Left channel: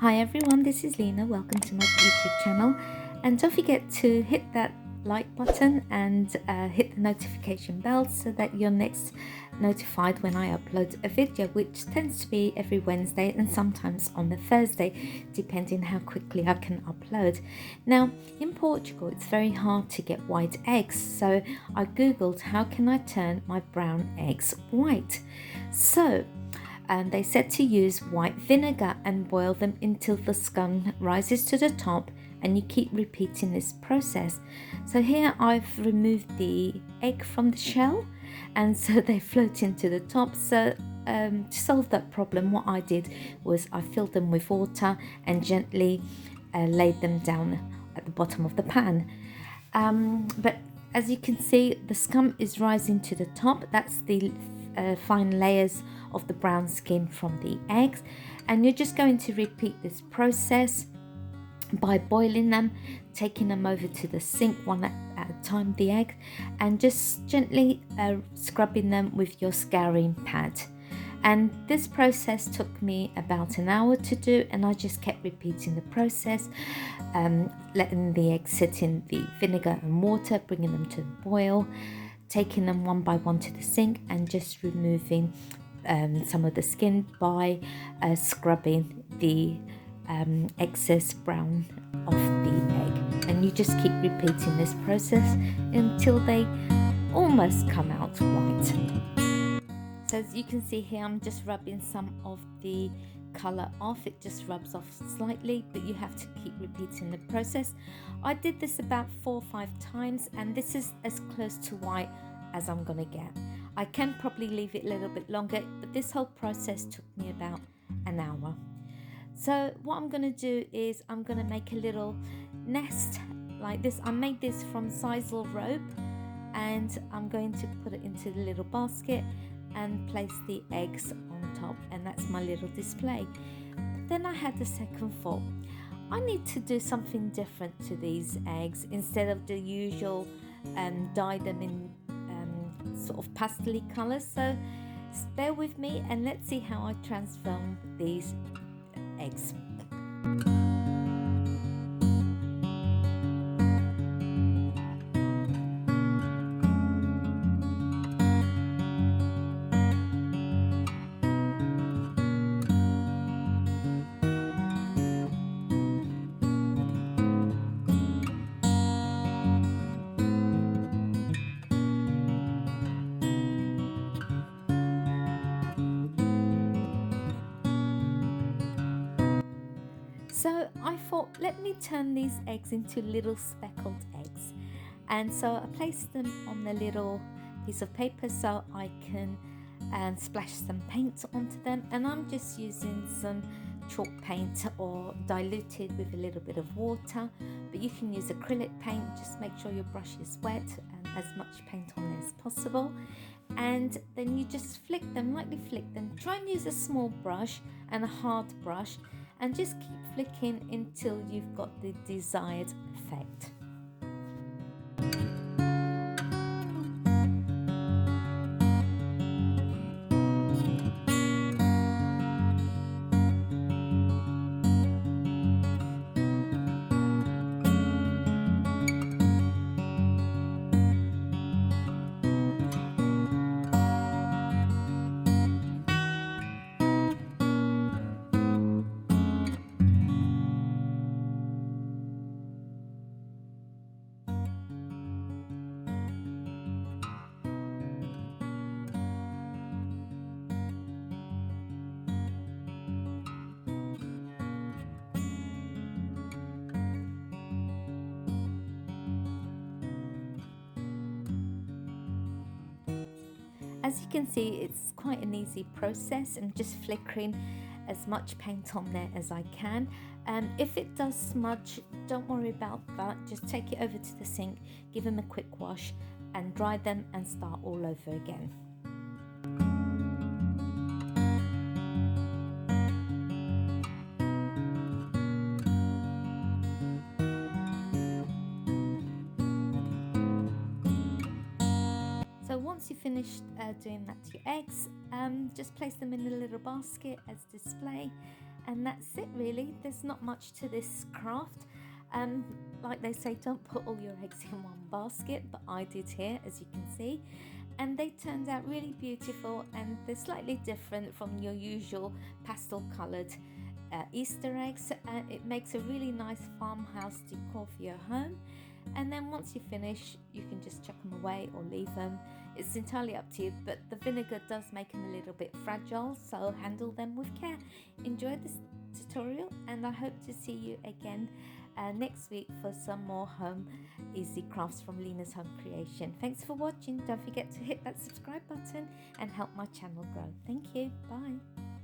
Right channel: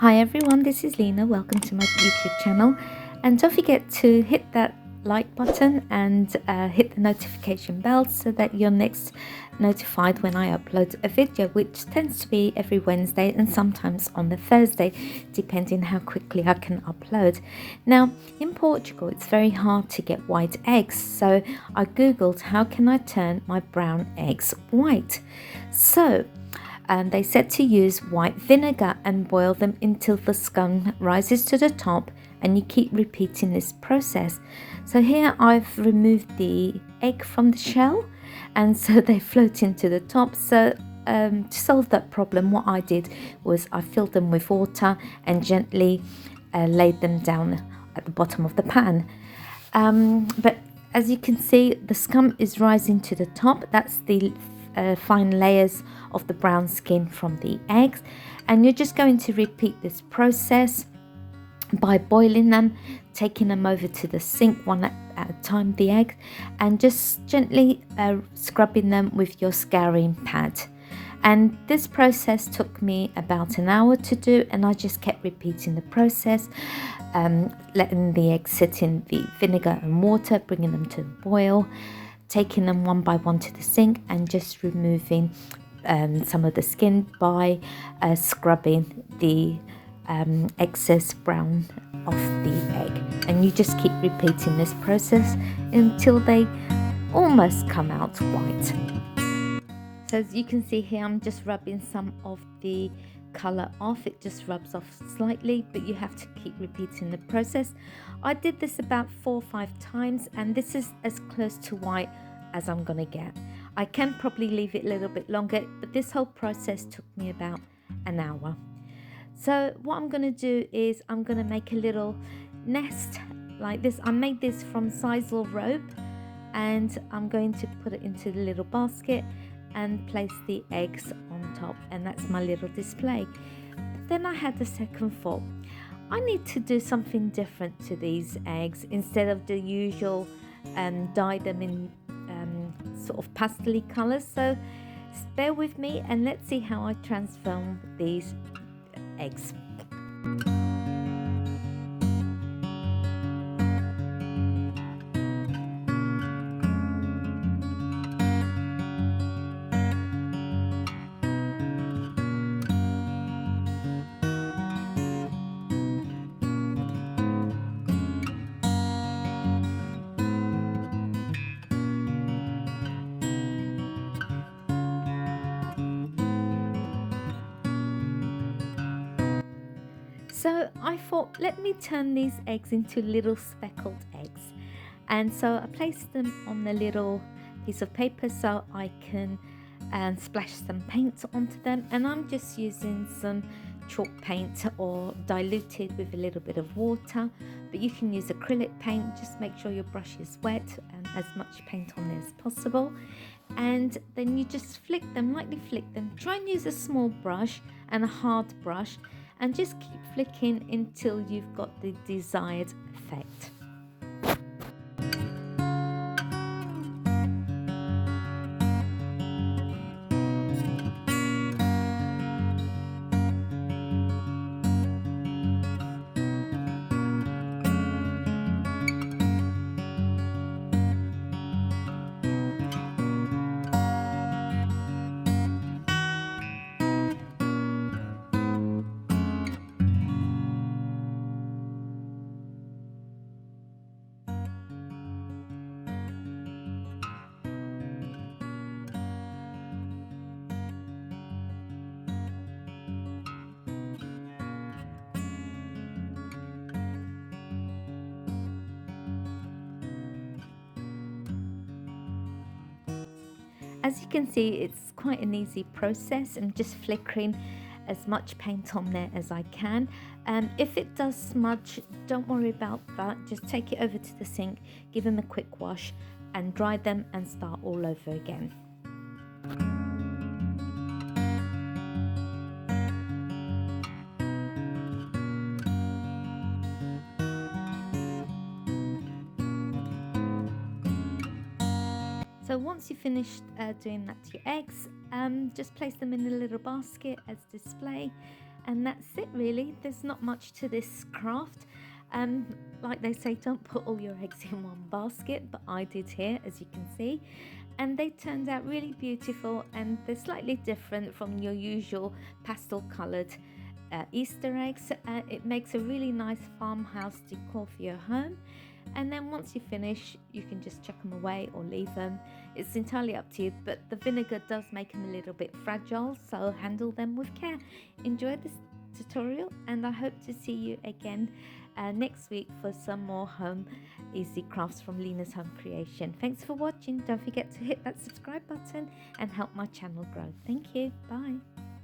Hi everyone, this is Lina. Welcome to my YouTube channel. And don't forget to hit that like button and hit the notification bell so that you're next notified when I upload a video, which tends to be every Wednesday and sometimes on the Thursday, depending how quickly I can upload. Now, in Portugal, it's very hard to get white eggs, so I googled how can I turn my brown eggs white. So and they said to use white vinegar and boil them until the scum rises to the top, and you keep repeating this process. So here I've removed the egg from the shell, and so they float into the top. So to solve that problem, what I did was I filled them with water and gently laid them down at the bottom of the pan. But as you can see, the scum is rising to the top. That's the fine layers of the brown skin from the eggs, and you're just going to repeat this process by boiling them, taking them over to the sink one at a time, the egg, and just gently scrubbing them with your scouring pad. And this process took me about an hour to do, and I just kept repeating the process, letting the eggs sit in the vinegar and water, bringing them to a boil, taking them one by one to the sink, and just removing some of the skin by scrubbing the excess brown off the egg. And you just keep repeating this process until they almost come out white. So as you can see here, I'm just rubbing some of the colour off. It just rubs off slightly, but you have to keep repeating the process. I did this about 4 or 5 times, and this is as close to white as I'm gonna get. I can probably leave it a little bit longer, but this whole process took me about an hour. So what I'm gonna do is I'm gonna make a little nest like this. I made this from sisal rope, and I'm going to put it into the little basket and place the eggs on top, and that's my little display. Then I had the second thought, I need to do something different to these eggs instead of the usual dye them in sort of pastel colors. So bear with me and let's see how I transform these eggs. So I thought, let me turn these eggs into little speckled eggs. And so I placed them on the little piece of paper so I can splash some paint onto them. And I'm just using some chalk paint or diluted with a little bit of water. But you can use acrylic paint, just make sure your brush is wet and as much paint on there as possible. And then you just flick them, lightly flick them. Try and use a small brush and a hard brush, and just keep flicking until you've got the desired effect. As you can see, it's quite an easy process. I'm just flickering as much paint on there as I can. If it does smudge, don't worry about that. Just take it over to the sink, give them a quick wash and dry them and start all over again. So once you've finished doing that to your eggs, just place them in a little basket as display, And that's it really. There's not much to this craft. Like they say, don't put all your eggs in one basket, but I did here, as you can see. And they turned out really beautiful, and they're slightly different from your usual pastel coloured Easter eggs, and it makes a really nice farmhouse decor for your home. And then once you finish, you can just chuck them away or leave them. It's entirely up to you, but the vinegar does make them a little bit fragile, so handle them with care. Enjoy this tutorial, and I hope to see you again next week for some more home easy crafts from Lina's Home Creation. Thanks for watching. Don't forget to hit that subscribe button and help my channel grow. Thank you. Bye.